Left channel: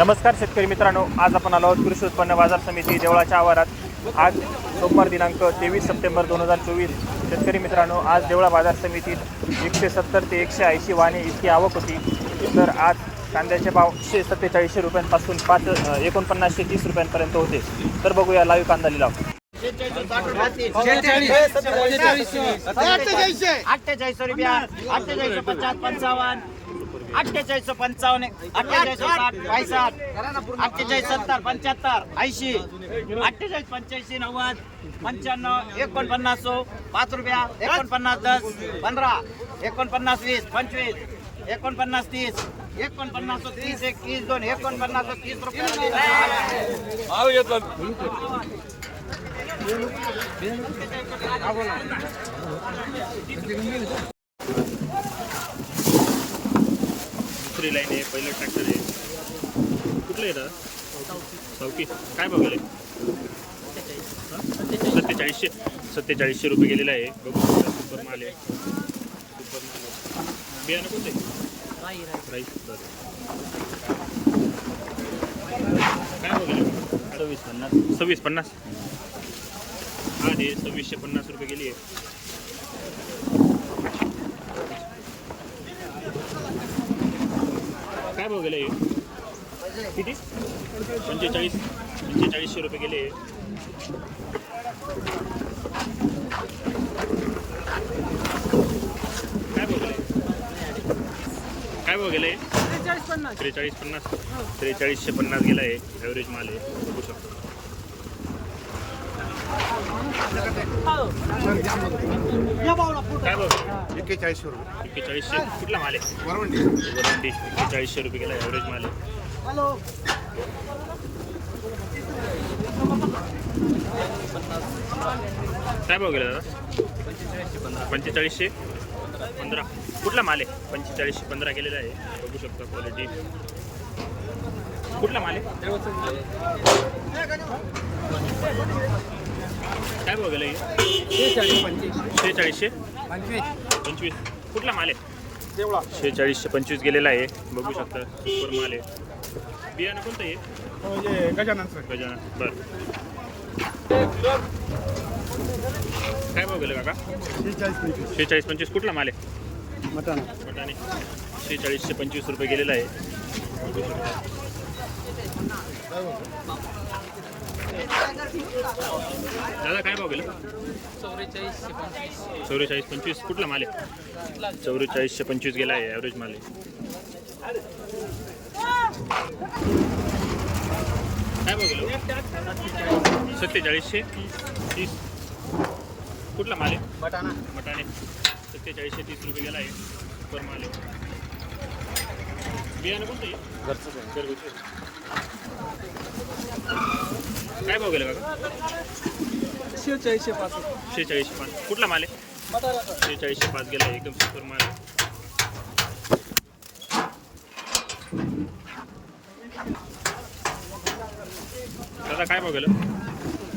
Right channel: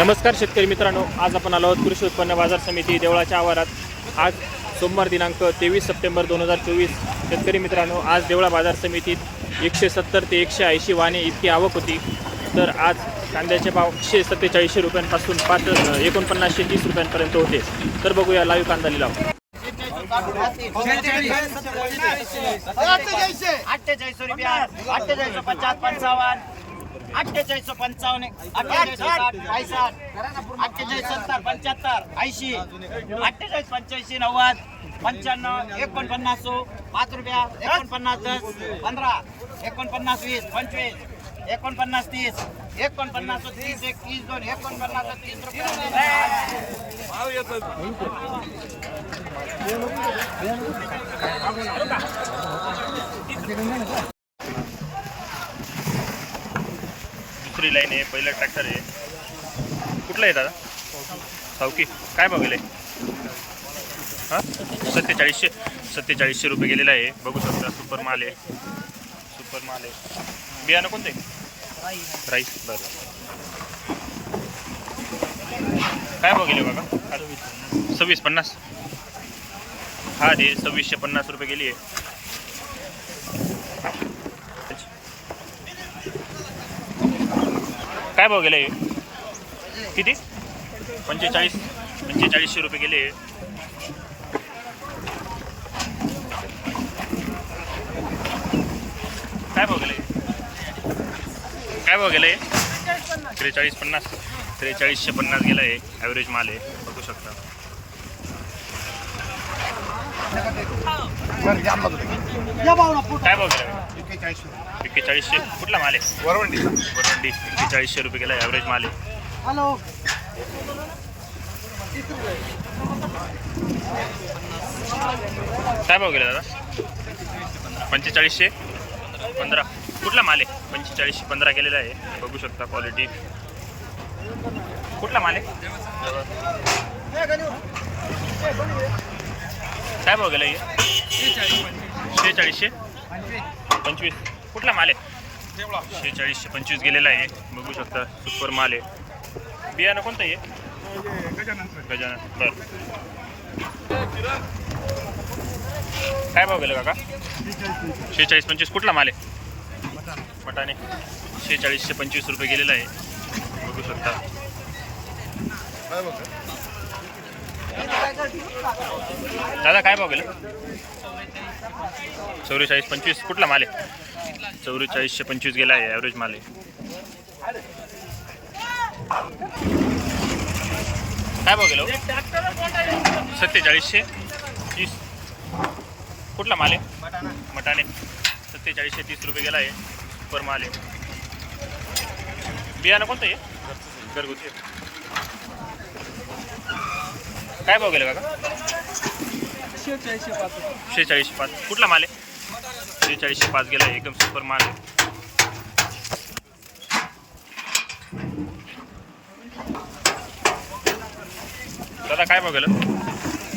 नमस्कार शेतकरी मित्रांनो आज आपण आलो आहोत कृषी उत्पन्न बाजार समिती देवळाच्या आवारात आज सोमवार दिनांक तेवीस सप्टेंबर दोन हजार चोवीस शेतकरी मित्रांनो आज देवळा बाजार समितीत एकशे सत्तर ते एकशे ऐंशी वाणे इतकी आवक होती तर आज कांद्याचे भाव एकशे सत्तेचाळीसशे रुपयांपासून पाच एकोणपन्नासशे तीस रुपयांपर्यंत होते तर बघूया लाईव्ह कांदा लिलाव अठ्ठेचाळीस रुपया अठ्ठेचाळीस पचास पंचावन्न अठ्ठेचाळीस पंचावन्न अठ्ठेचाळीस साठ अठ्ठेचाळीस सत्तर पंच्याहत्तर ऐंशी अठ्ठेचाळीस पंच्याऐंशी नव्वद पंच्याण्णव एकोणपन्नास पाच रुपया एकोणपन्नास दस पंधरा एकोणपन्नास वीस पंचवीस एकोणपन्नास तीस एकोणपन्नास तीस एक तीस दोन एकोणपन्नास तीस रुपये. दुसरी लाईन आहे पहिलं ट्रॅक्टर आहे. कुठलं आहे दादा? सावकी. काय भाव गेलं हां? सत्तेचाळीसशे. सत्तेचाळीसशे रुपये गेलेला आहे. बघू शकता सुपर माल आहे. सुपर माल आहे. बियाणं कोणतं? आहे राईस बरं. काय बघेल बघा? सव्वीस पन्नास. हा रे सव्वीसशे पन्नास रुपये गेली आहे. काय भाव गेले? किती? पंचेचाळीस. पंचेचाळीसशे रुपये गेले. काय भाव गेले? काय भाव गेले? त्रेचाळीस पन्नास. त्रेचाळीसशे पन्नास गेला आहे. ॲव्हरेज माल आहे. बघू शकता. काय भाव गेला? एक्केचाळीस रुपये. एक्केचाळीसशे कुठला माल आहे? वरवंडी. वरवंडी. एक्केचाळीसशे रुपये गेला ॲव्हरेज माल आहे. काय भाव गेला दादा? पंचेचाळीसशे? पंधरा. कुठला माल आहे? पंचेचाळीसशे पंधरा गेलेला आहे. बघू शकता क्वालिटी कुठला माल आहे? काय भाव गेला हे? शेहेचाळीसशे? पंचवीस पंचवीस. कुठला माल आहे? शेहेचाळीसशे पंचवीस गेलेला आहे. बघू शकता सुपर माल आहे. बियाणं कोणतं आहे? गजानन. बरं. काय भाव गेलं काका? शेहेचाळीस पंचवीस. कुठला माल आहे? मटाने शेहेचाळीसशे पंचवीस रुपये गेलेला आहे. बघू शकता. दादा काय भाव गेलं? चौवेचाळीस पंचवीस. कुठला माल आहे? चौवेचाळीसशे पंचवीस गेला आहे ॲव्हरेज माल आहे. काय भाव गेलो सत्तेचाळीसशे तीस. कुठला माल आहे? मटाने सत्तेचाळीसशे तीस रुपये गेला आहे सुपर माल आहे. बियाणं कोणतं आहे? घरगुती. काय भाव गेलं काका शेहेचाळीसशे पाच. कुठला माल आहे? शेहेचाळीसशे पाच गेला एकदम सुपर माल आहे. दादा काय भाव गेलं?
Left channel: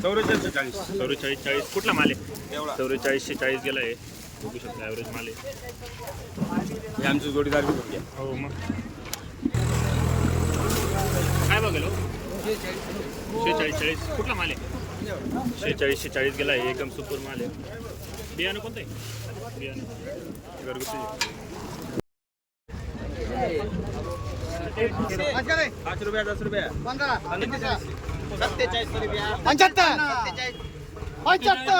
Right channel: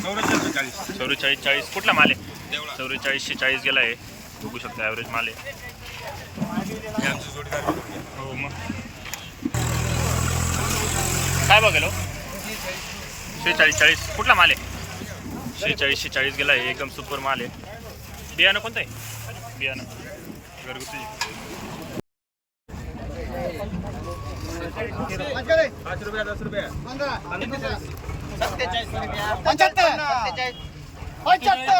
चौवेचाळीस चाळीस. चौवेचाळीस चाळीस. कुठला माल आहे? चौवेचाळीसशे चाळीस गेला आहे. बघू शकता ॲव्हरेज माल आहे. आमची जोडीदार हो मग. काय भाव गेलो शेहेचाळीस चाळीस. कुठला माल आहे? शेहेचाळीसशे चाळीस गेला आहे एकदम सुपर माल आहे. बियाणं कोणतं आहे? बियाणं. घरगुती. पंच्याहत्तर.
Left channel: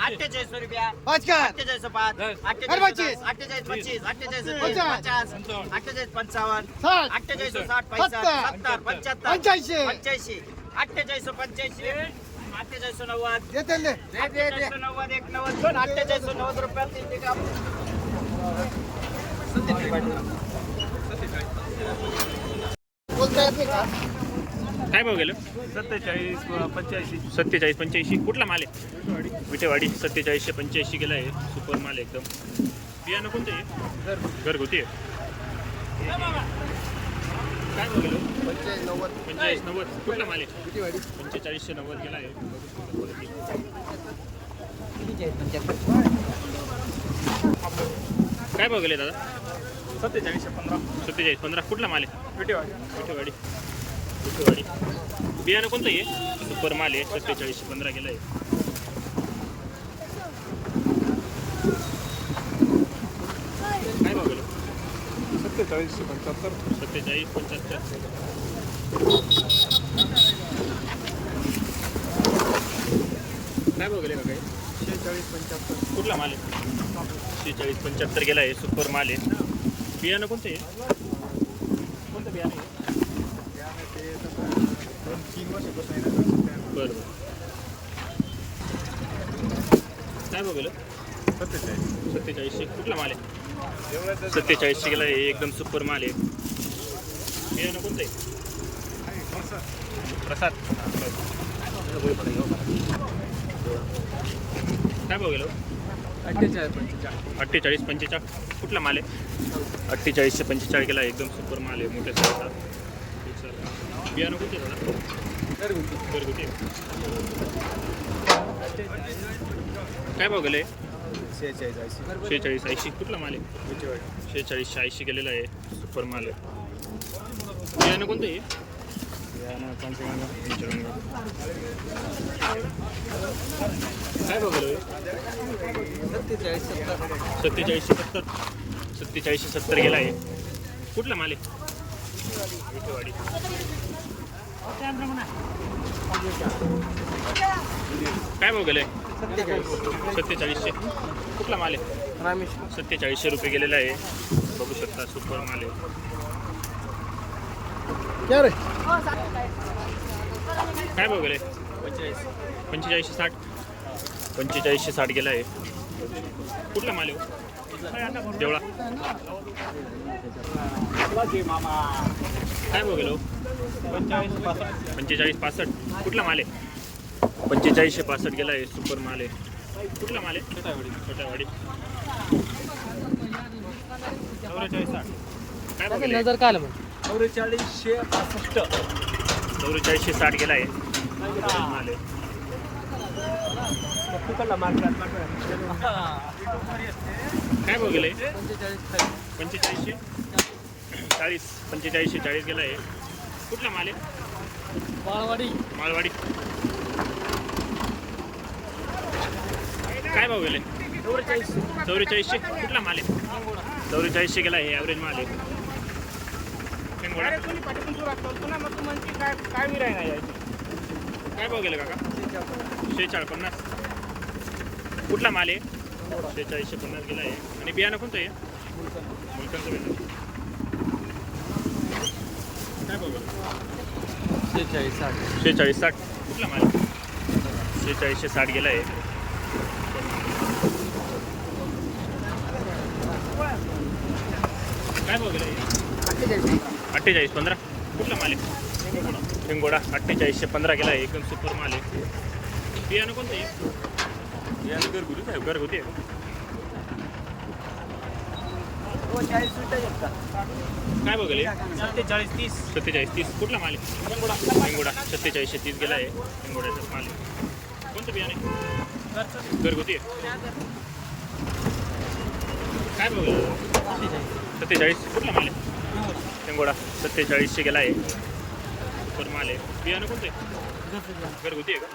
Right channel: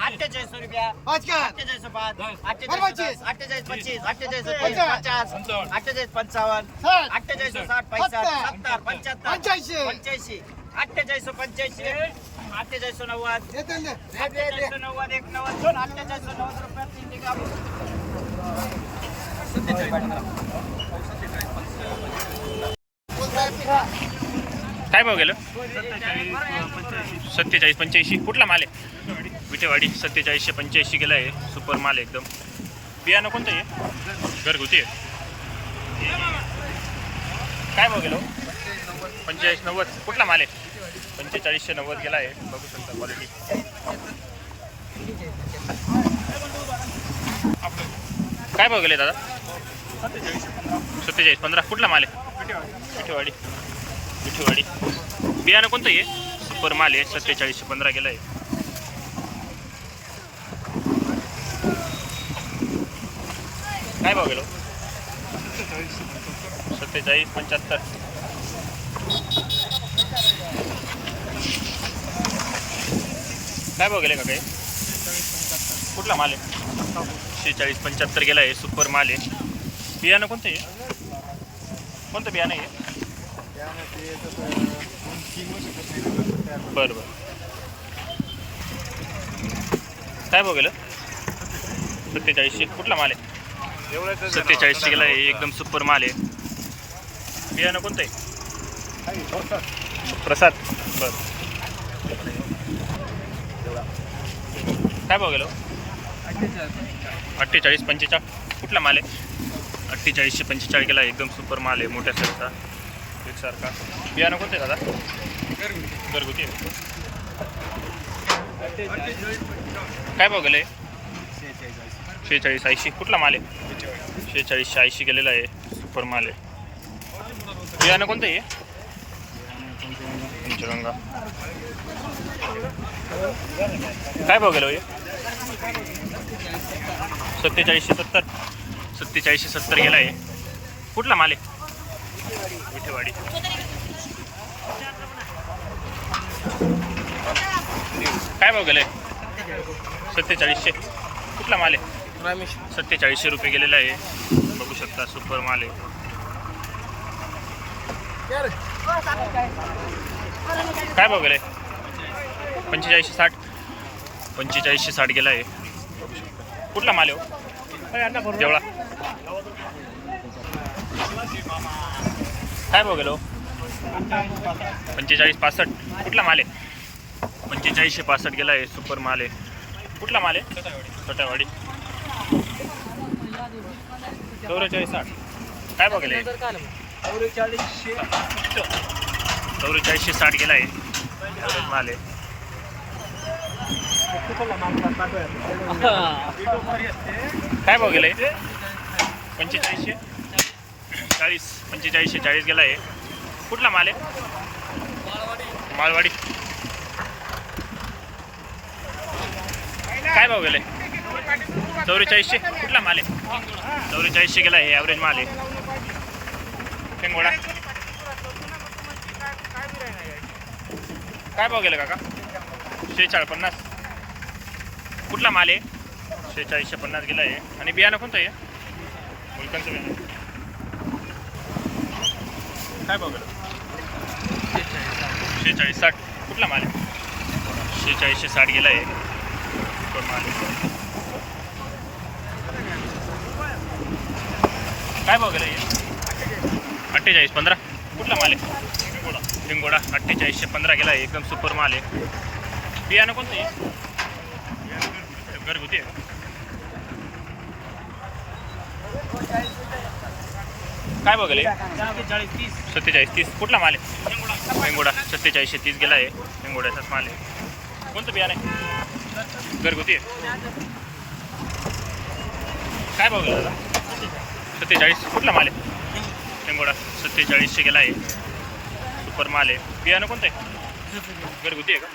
अठ्ठेचाळीस रुपया. अठ्ठेचाळीस पाच अरे अठ्ठेचाळीस पंचवीस. अठ्ठेचाळीस पच्चीस. अठ्ठेचाळीस पचास. अठ्ठेचाळीस पंचावन्न. अठ्ठेचाळीस साठ पैसा सत्तर. सत्तर पंच्याहत्तर. पंच्याऐंशी. पंच्याऐंशी. अठ्ठेचाळीस पंच्याऐंशी. अठ्ठेचाळीस नव्वद. अठ्ठेचाळीस नव्वद एक नव्वद दोन. अठ्ठेचाळीस नव्वद रुपये तीन ते काम. काय भाव गेलं? सत्तेचाळीस पंच्याऐंशी. कुठला माल आहे? विटेवाडी. सत्तेचाळीसशे पंच्याऐंशी गेला आहे. सुपर माल एकदम. बियाणं कोणतं आहे? घरगुती आहे. काय भाव गेलो? पंचेचाळीस नव्वद. कुठला माल आहे? पंचेचाळीसशे नव्वद गेला आहे. बघू शकता क्वालिटी काय भाव गेले दादा? सत्तेचाळीस पंधरा. कुठला माल आहे? विठेवाडी. विठेवाडी. बियाणं कोणतं आहे? सुपर माल आहे. सत्तेचाळीसशे पंधरा गेला आहे. काय भाव गेलो? सत्तेचाळीस पंच्याहत्तर. काय भाव गेले का काही कुठला माल आहे? शेहेचाळीस पंच्याहत्तर गेला आहे सुपर माल आहे. बियाणं कोणतं आहे? कोणतं बियाणं आहे? बरं बरं. काय भाव गेलं? सत्तेचाळीसशे कुठला माल आहे? सत्तेचाळीसशे गेला आहे एकदम सुपर माल आहे. बियाणं कोणतं आहे? प्रसाद. बरं. काय भाव गेलो? अठ्ठेचाळीस पंचेचाळीस कुठला माल आहे? अठ्ठेचाळीसशे पंचेचाळीस केला एकदम सुपर माल आहे मोठ्या साईजचा. एकसारखा बियाणं कोणतं आहे दादा? घरगुती. काय भाव गेलं? शेहेचाळीस ऐंशी. कुठला माल आहे? शेहेचाळीसशे ऐंशी गेलेला आहे. सुपर माल आहे. बियाणं कोणतं आहे? पंचगंगा काय बघायला हे सत्तेचाळीसशे सत्तर. सत्तेचाळीसशे सत्तर गेला आहे. कुठला माल आहे? विठेवाडी. काय भाव गेले सत्तेचाळीसशे. कुठला माल आहे? सत्तेचाळीसशे रुपये गेलेला आहे. बघू शकता सुपर माल आहे. काय भाव गेले पंचेचाळीसशे साठ. पंचेचाळीसशे साठ गेला आहे बघू शकता. कुठला माल आहे हो? देवळा. काय भाव गेलो पंचेचाळीस पासष्ट. कुठला माल आहे? पंचेचाळीसशे पासष्ट गेला आहे सुपर माल आहे. कुठला माल आहे? छोट्यावाडी चौवेचाळीस साठ. काय भाव गेले? चौवेचाळीसशे साठ गेला आहे. ॲव्हरेज माल आहे काय भाव गेलाय पंचेचाळीसशे? चाळीस. पंचेचाळीसशे चाळीस गेला आहे कुठला माल आहे? मालवाडी. काय भाव गेले? चौवेचाळीसशे? कुठला माल आहे? चौवेचाळीसशे गेला आहे ॲव्हरेज माल आहे. शेंगोडा? काय भाव गेला काका? शेहेचाळ पन्नास. कुठला माल आहे? शेहेचाळीसशे पन्नास गेला आहे आणि बियाणं कोणतं आहे? मुलकांचं बियाणं. काय भाव गेला? शेहेचाळीस साठ. कुठला माल आहे? शेहेचाळीसशे साठ गेला आहे. काय भाव गेला? अठ्ठेचाळीस पंधरा? कुठला माल आहे? शेंगोडा अठ्ठेचाळीसशे पंधरा गेला आहे एकदम सुपर माल आहे. बियाणं कोणतं आहे? घरगुती आहे का? काय बघले सत्तेचाळीस तीस. कुठला माल आहे? शेंगोडा सत्तेचाळीसशे तीस गेला आहे. हिंगोड्याचाच माल आहे. कोणतं बियाणं आहे? घरगुती? आहे काय भाव दादा सत्तेचाळीस. कुठला माल आहे? शेंगोडा सत्तेचाळीसशे गेला आहे. सुपर माल आहे. बियाणं कोणतं आहे? घरगुती आहे का?